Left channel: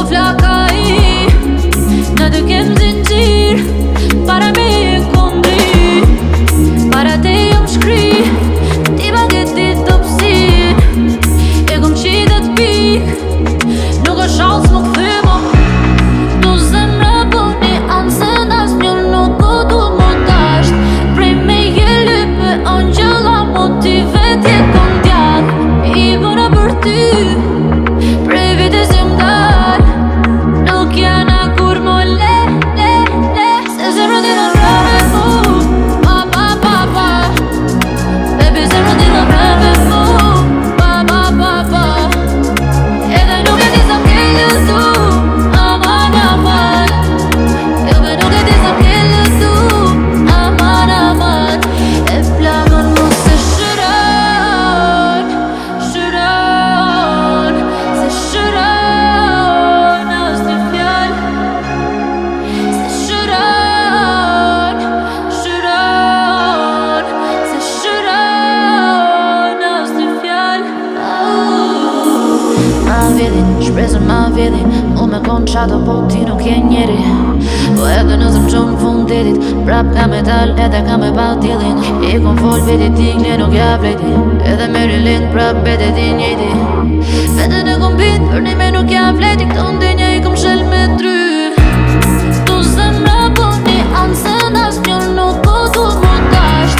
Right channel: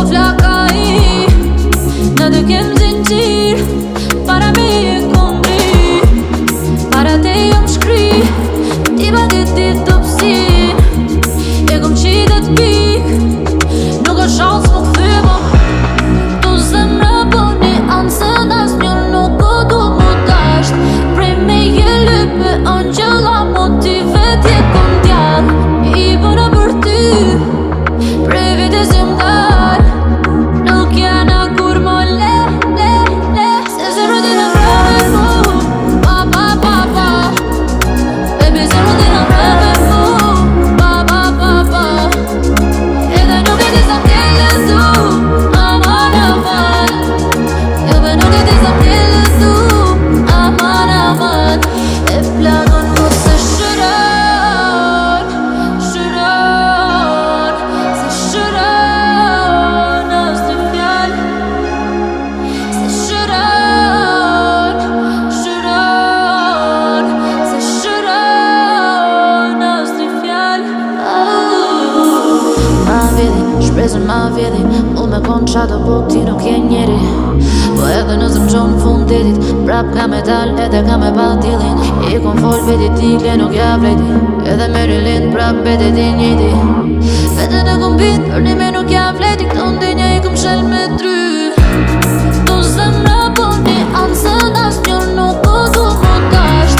po flaka i në të kem zinxhir para me e kondri, para te jom shkri ti baget dit topsin e kom qitet pik nuk o shans më këthymo tu zemra boni ansën as një nuk o du mu dasht prej me je lype angjela motive tje kon djall i bëna për ty prej vites jëm dal nuk jana kur mo le se zemra ti në rave mu ba ba ba ba baby zemra ti në rave mu ba ba ba ba edhe nuk e ti sa m'ke lëtu aman aman jo be nuk e ti sa m'ke lëtu aman aman e plagon mu se shëron se shëron as një fjall se shëron se shëron as një fjall ma vjedhin, shpresën ma vjedhin mu me kon qato po ti nuk je njeri po edhe nëse m'gjon fundetit prap ka me dal edhe ka me pa tjellin i kon fol vetit ti kle nuk ja vlejti edhe me rilin prap betet i njejti vetën e kom bit për një me nuk ja vlejti këto ndenja i kom shel me try tu zemra po një ansën as një nuk o du mu dasht